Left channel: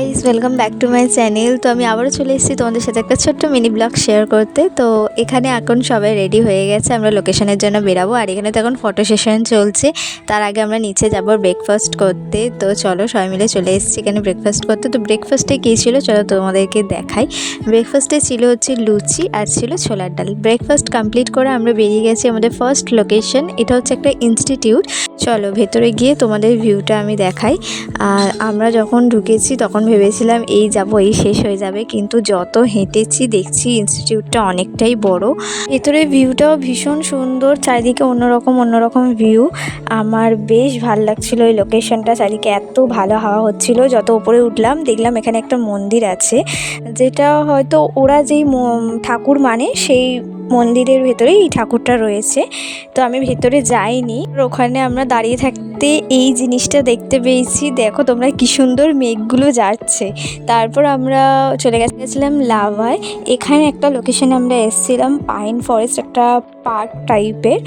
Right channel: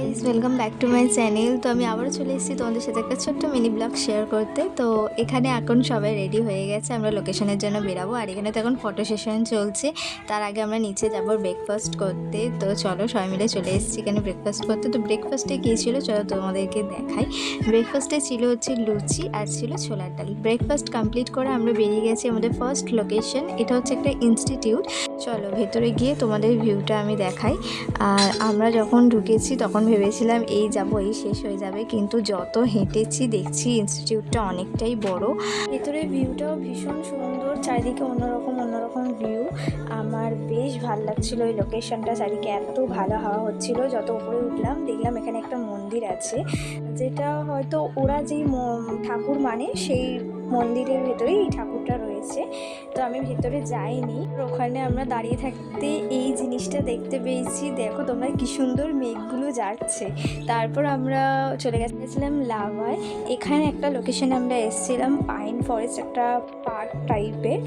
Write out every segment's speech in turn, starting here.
Guys, welcome back to my channel. তো আমি আবারও চলে এসেছি তোমাদের সাথে একটা ছোট্ট মিনি ব্লগ শেয়ার করতে। তো এখানে এখন সবাই রেডি হয়ে গেছে, আমরা লোকেশনের জন্য বেরাবো। আর এখানে তো এখন ফটো সেশন চলছে। তার আগে আমরা নিচে যাবো ব্রেকফাস্ট করতে। তো চলো সবাই মিলে চলে এসেছি এখানে ব্রেকফাস্ট করতে। তো ব্রেকফাস্টে কী ছিল চলো তোমাদেরকে দেখাই। ব্রেকফাস্টে ছিল হচ্ছে লুচি আর ছিল ছোলার ডাল। ব্রেকফাস্ট কমপ্লিট করে আমরা বেরিয়ে গেছি আমাদের ফার্স্ট লোকেশন। এটা হচ্ছে একটা ইনস্টিটিউট। চলো ভেতরে গিয়ে তোমাদের ভিউটা আমি দেখাই। আর আমরা যখন ঢুকেছি তখন ভেবেছিলাম এই যাব এই শেষ হয়ে যাবে, কিন্তু যত হেঁটেছি দেখছি ইনস্টিটিউটটা অনেকটাই বড়। ভেতরে ভিউটাও ভীষণ সুন্দর, চারিদিকে অন্যরকম ভিউ। আমার বেশ ভালো লাগছিলো এই লোকেশনটা, চারিদিকে এত ভালো হাওয়া হচ্ছিল। যত উপরে উঠলাম দেখলাম এখানে একটা মন্দির আছে, যেটা হয়তো ওরা যেই ঠাকুর মানে সেই মন্দিরের ভেতরেই এই ঠাকুরটা রয়েছে। তো আমি ভেতরে যাইনি, ওখানে আমরা দাঁড়িয়ে থাকতে এই জিনিসটা দেখতে পেয়েছি। দেখো তোমরা কি সুন্দর মেঘগুলো যাচ্ছে। তারপর আমরা চলে গেছিলাম লাভায়। এখানে একটা লোকেশনে আমরা এসেছিলাম, পাইন ফরেস্ট, একটা পার্ক টাইপের।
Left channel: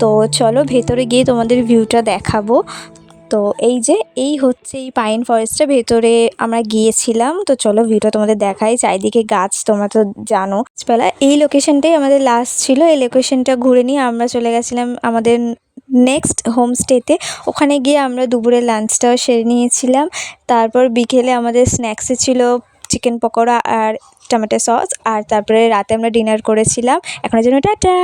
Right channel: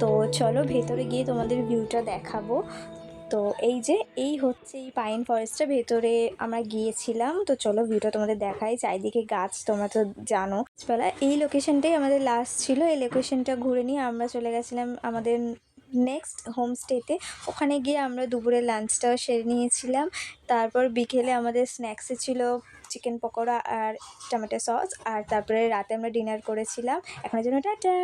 তো চলো ভেতরে গিয়ে তোমাদের ভিউটা দেখাবো। তো এই হচ্ছে এই পাইন ফরেস্টের ভেতরে আমরা গিয়েছিলাম। তো চলো ভিউটা তোমাদের দেখাই। চারিদিকে গাছ, তোমরা তো জানো গাছপালা। এই লোকেশনটাই আমাদের লাস্ট ছিল। এই লোকেশনটা ঘুরে নিয়ে আমরা চলে গেছিলাম আমাদের নেক্সট হোমস্টেতে। ওখানে গিয়ে আমরা দুপুরে লাঞ্চটাও সেরে নিয়েছিলাম। তারপর বিকেলে আমাদের স্ন্যাক্সে ছিল চিকেন পকোড়া আর টমেটো সস। আর তারপরে রাতে আমরা ডিনার করেছিলাম। এখনের জন্য টাটা।